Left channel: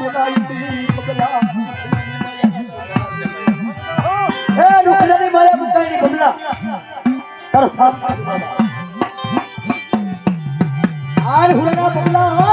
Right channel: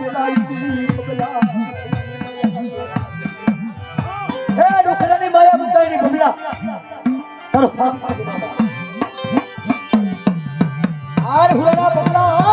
મિલાઈતી બબલા હે રૂખડાની માળા મુકાઈની બબલા તારો થાપ આર હુરાના બબલા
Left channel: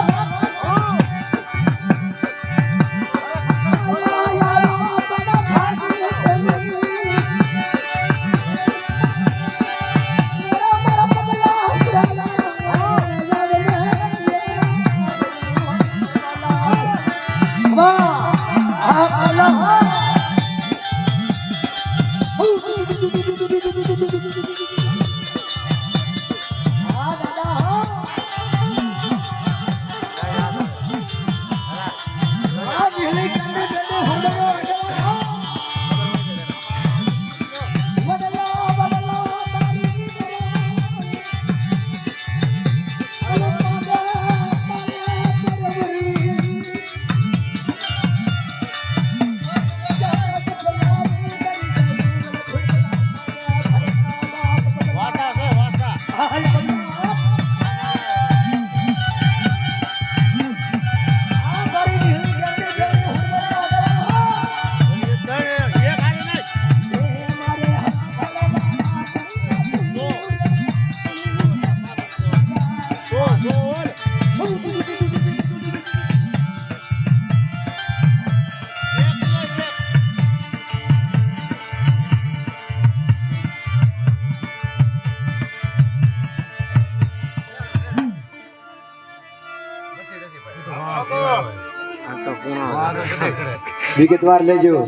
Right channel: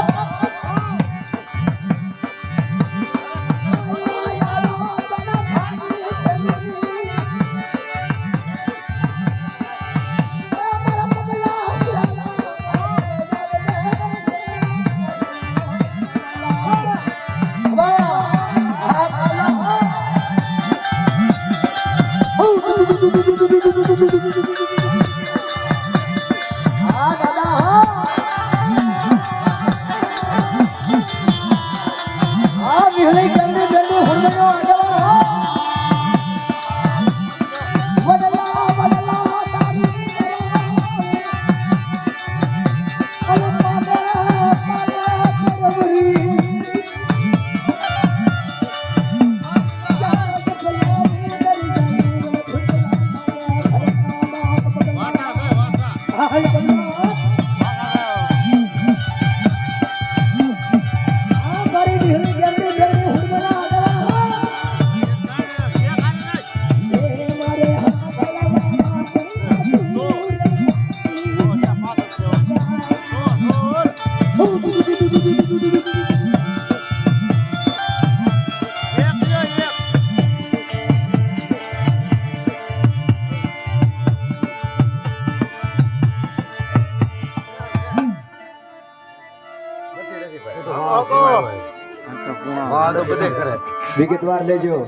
વિગતવાર લેજો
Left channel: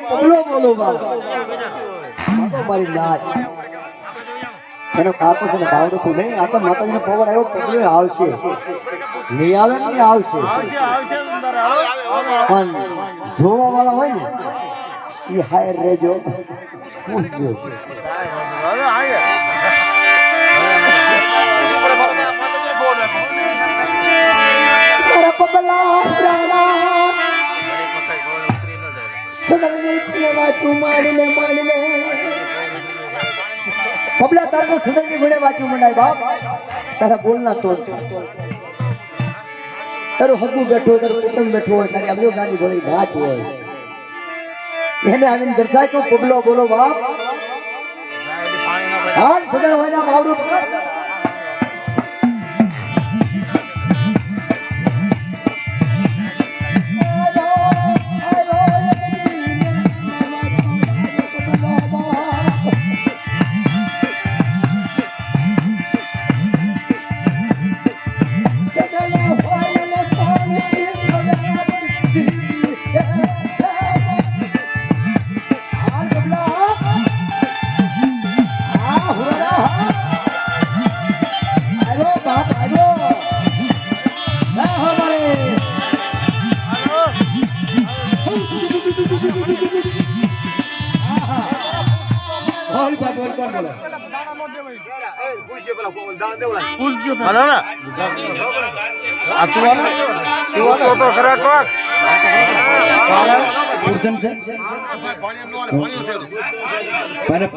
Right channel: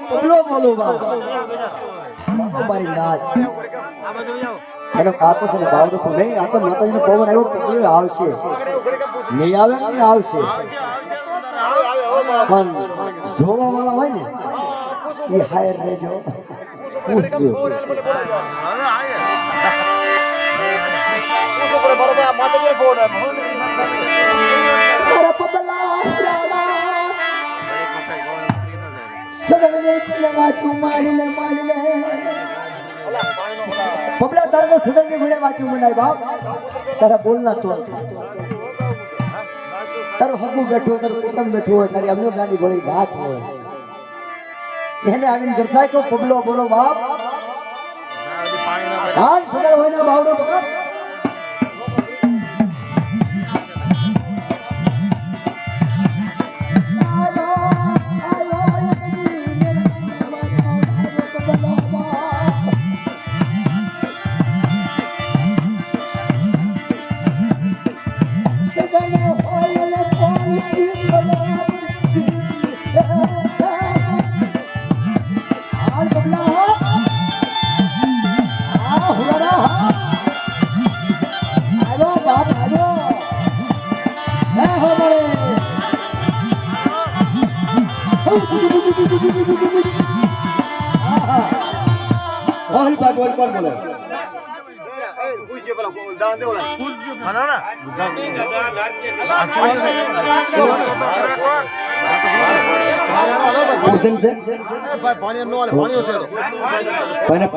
પગલો બોલો મારી નાચ એનો કાકો છે બાવડો તું નહીં આ તો માતાજીનો પવન એવો પગલો આવશે નહીં આવે ને આવશે પણ જોવા વાળા હોય ને એ હાયર લેજો પૂછજો પબલા તારો સુગંધી ઘોડે વાટી મંડાય બાપ તારા બોલના તો તારું હગું બેઠો તારું કુટુંબ બેઠું હોય તારી અમરો ગાડી ઘોડી વાત હોય એને આવીને દર્શાય તો પબલો બોલો બાપ હાલ સદા હોય ના બાવડું બાપ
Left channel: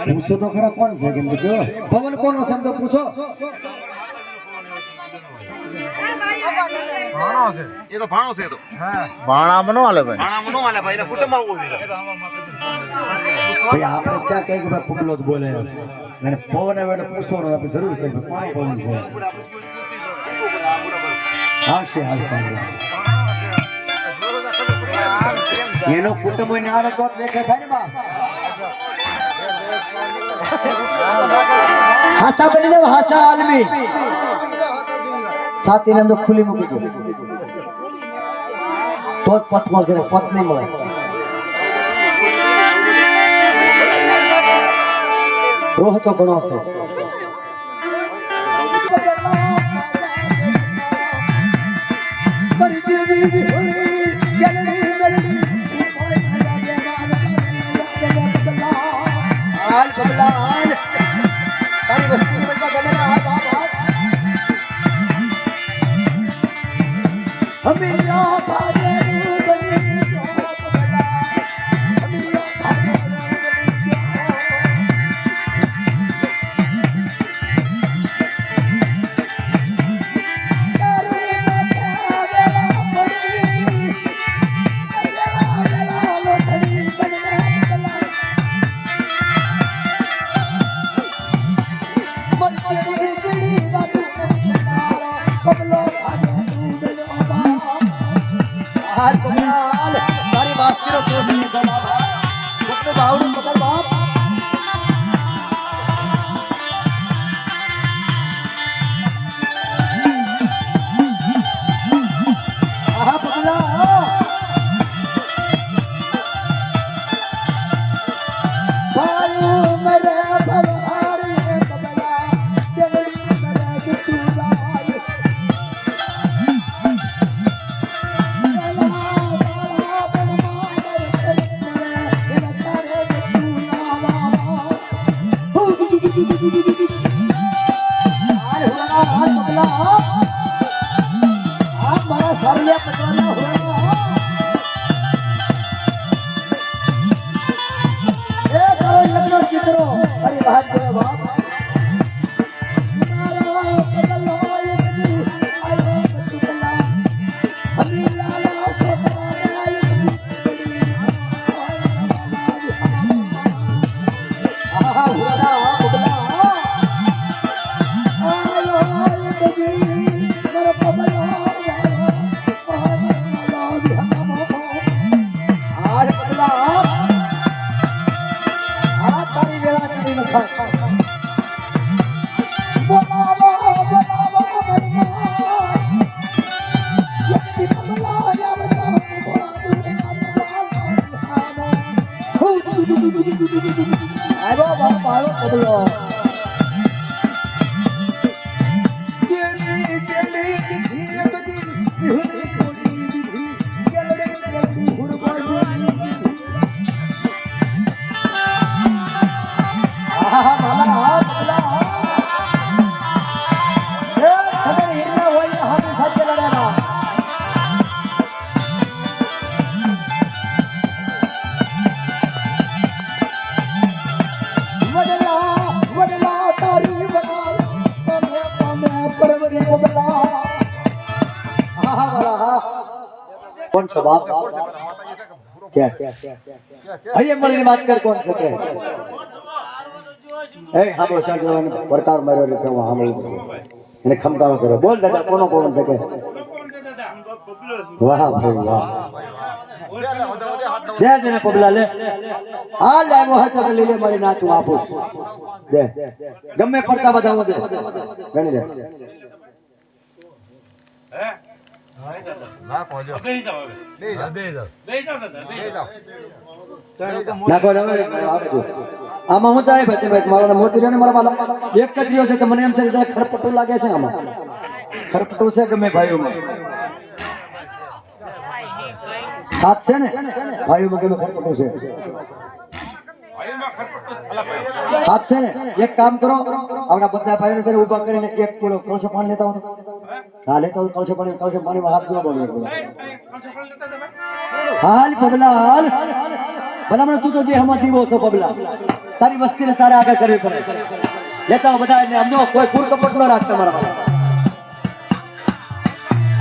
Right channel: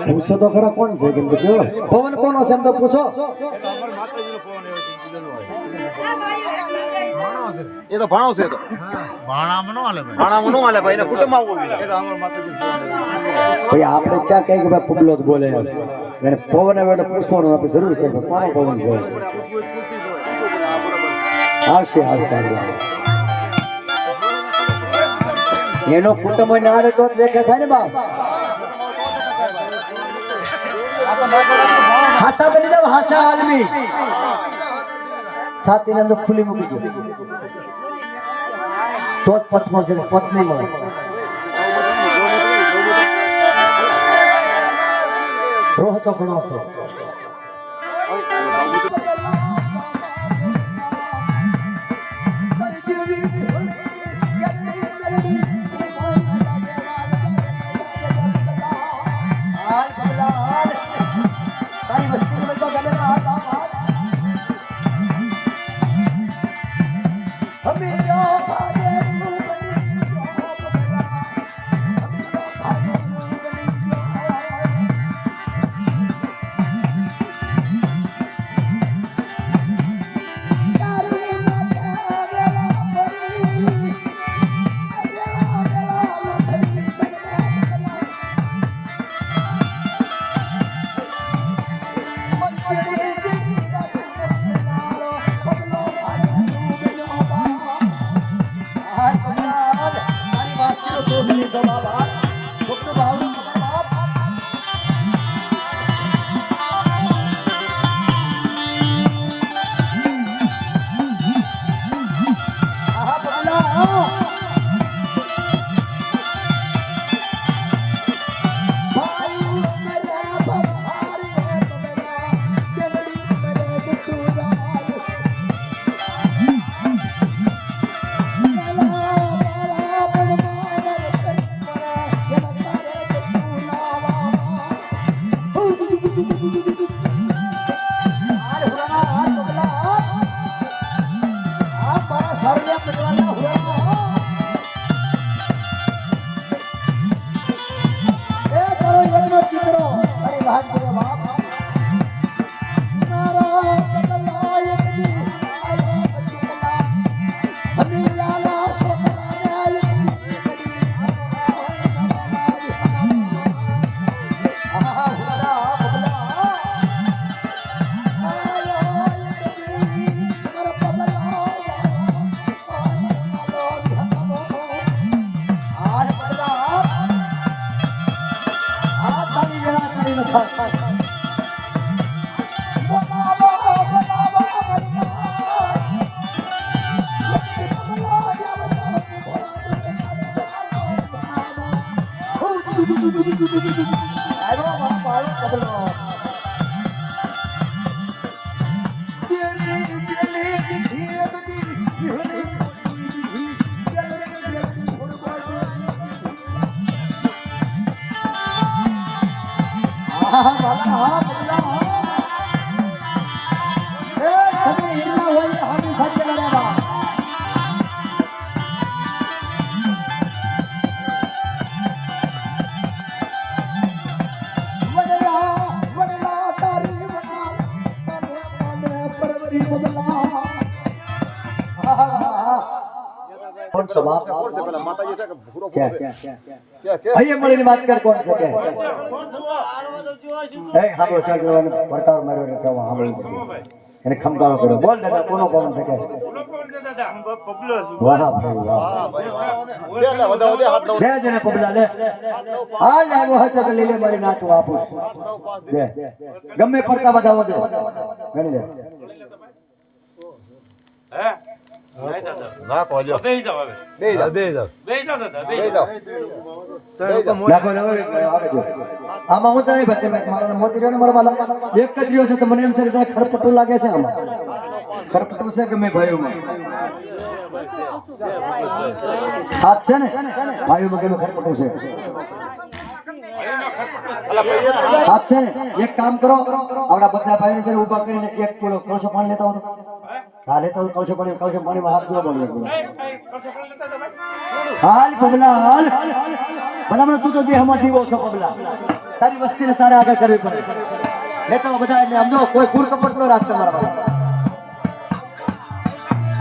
પૂછો તો ખરા કોણ છે કેમ કે પવન કોનો છે એમ તો પૂછો એ તો ભાણો છે તો ભાણામાં નો હાલે ભાઈ ભાણામાં નો હાલે ભાઈ એના કુટુંબ આવવું જોઈએ ભાઈ આપણે ચા કઈ કે ભાઈ પુબલો જ બોલે એને પવન આવે એટલે પૂછવાનું આપણે જરૂર છે કોનો પવન છે આવશે આવશે એનો કુટુંબ હોય ને આવે તો દેખે થાય ને બાપ હાચા બની જાવ હાચા આલમી સાથી નામ તો ખુલી મૂકી દો તો પતમો જરા પત નહીં મળે રોહ તો ઘણો છે હાલ કમલાલ તારી વાસ્તીનો તો મને જવાબ આપ કોકનું ભાવનું પકડ બાપ આહા કમલા ભાઈ મરે ભરહાર કમલા જલડી કરે દિસુલાય कौन सा बाप क्या भैया मरे बात कर कौन से ए हम लोग चल रहे हैं प्रकार मेरे लिखा हुआ हम એને ખમકારો કર્યો બોલ દાદા કોનો પવન છે કે વાહ ભાઈ વાહ દે દે ને પબલા લે આ લાઈમો હતો કે લઈ લે મારી ના તું આપુસ દે ગમે ફરતા બતાવો દે ગણી લે હે ના કોજો બે જાવ હવે બે જાવ દાદા બે જાવ નાખો નાખો આમાં હું ચાહે બતે ભાઈ મારા મોતી રહ્યો ને મારા વાલા એક જ રહ્યો છે કે મને એમ છે કે ખરપટું લાગે છે આમાં ખરપટું છે કે મેં ભાઈ હાથ છે ને ભાઈઓમાં કે ખરપટું છે હાથ છે ને એક કામ કરો આવડા બધા ભાઈઓ સર ઊભા કરીને 1 કિલો કળશો પાણી લેતા હો હા લેતા હો કળશો પાણીમાં હાથ ધોવા દો હાલ પગલા હાલ ભલામણ તું તો દેહમાં દીવો છો પગલા તારી વસ્તીને તારા આગળ કરવી પડે લેતા બધા એને સમજો કોઈ કુર કપટ ન રાખતા મારા ભાઈ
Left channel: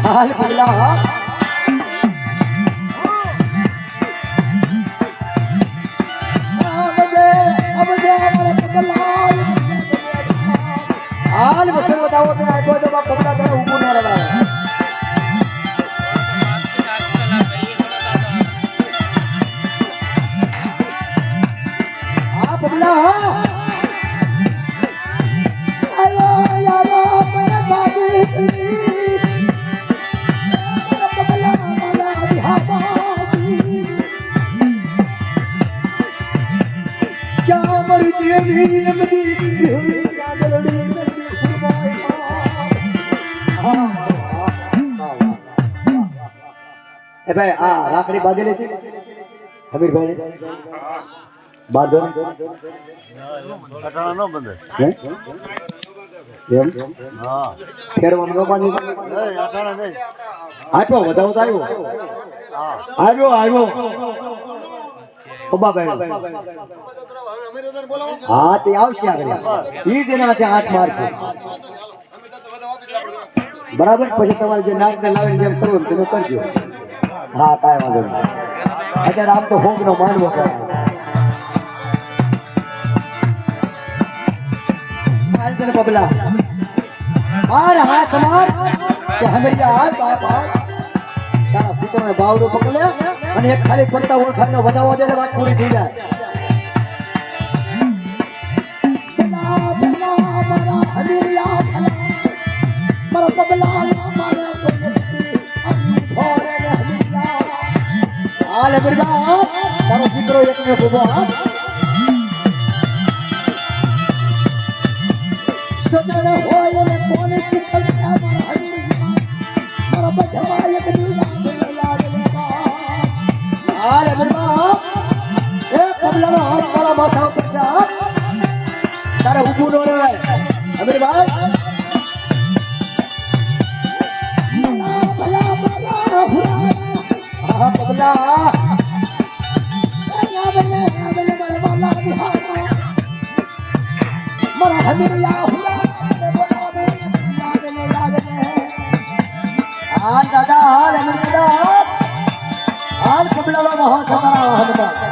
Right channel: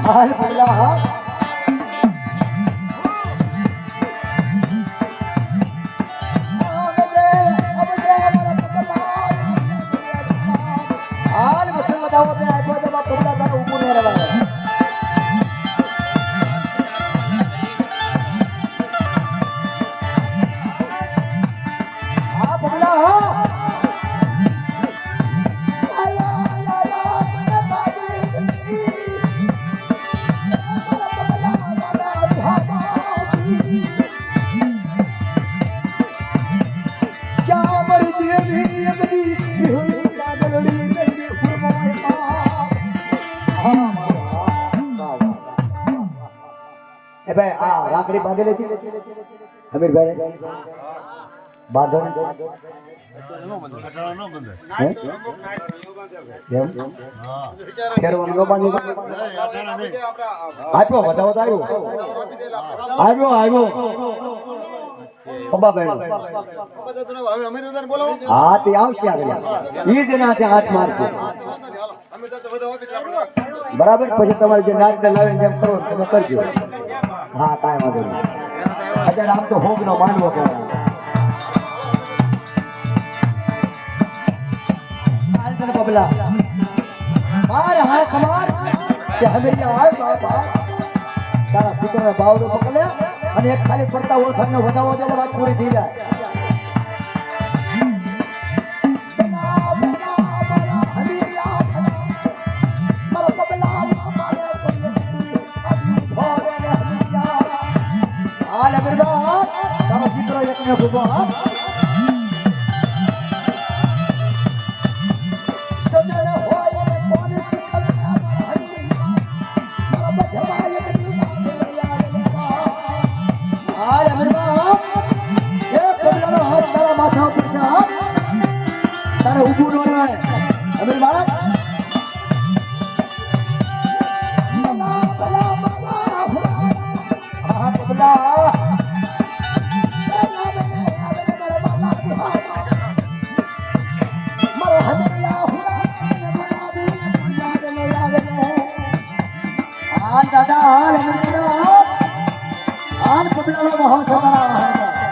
હાલ પગલા હા ए भाई आ राखड़ी बांधी लेती हमीर भाई बांधो અટાણા નો બંધે એમ હા ફેર ઊંઘો બાંધી અટાણા નહીં આટલો વધાવો તો આવ્યો આવ્યો પબ્બા ભાઈ હા તે આવશે આગળ ઈ જ એના હાથ મારશે બરાબર પછી તમારે જે નાક ને લાવીને જેમ કરો તમે કરજો હા કાંઈ વાંધો નહીં અત્યારે આમ તો હોગ નો માનવો કરવાનો હાલ તને પગલા માર હાથ માર કે હમૈયા આય બાપ તારા દીકરાને બાવડું પકડે અને એક ખાલી પડતા ઓળખાણનો વધાવો દે એટલે વાત પૂરી થઈ જાય. હાલ અમીરબા, તારો દીકરો એકને ભૂગો હાથ. હાલ અમીરબા, એ કબલાનો હાથ તારા માથા પર છે, હા? તારે ઊભું ન રહેવાય. અમીરબા, હા કબલા, હાલ દાદા, હાલ અમીરબા, હાલ કબલાનો હાથ તારા હાથમાં.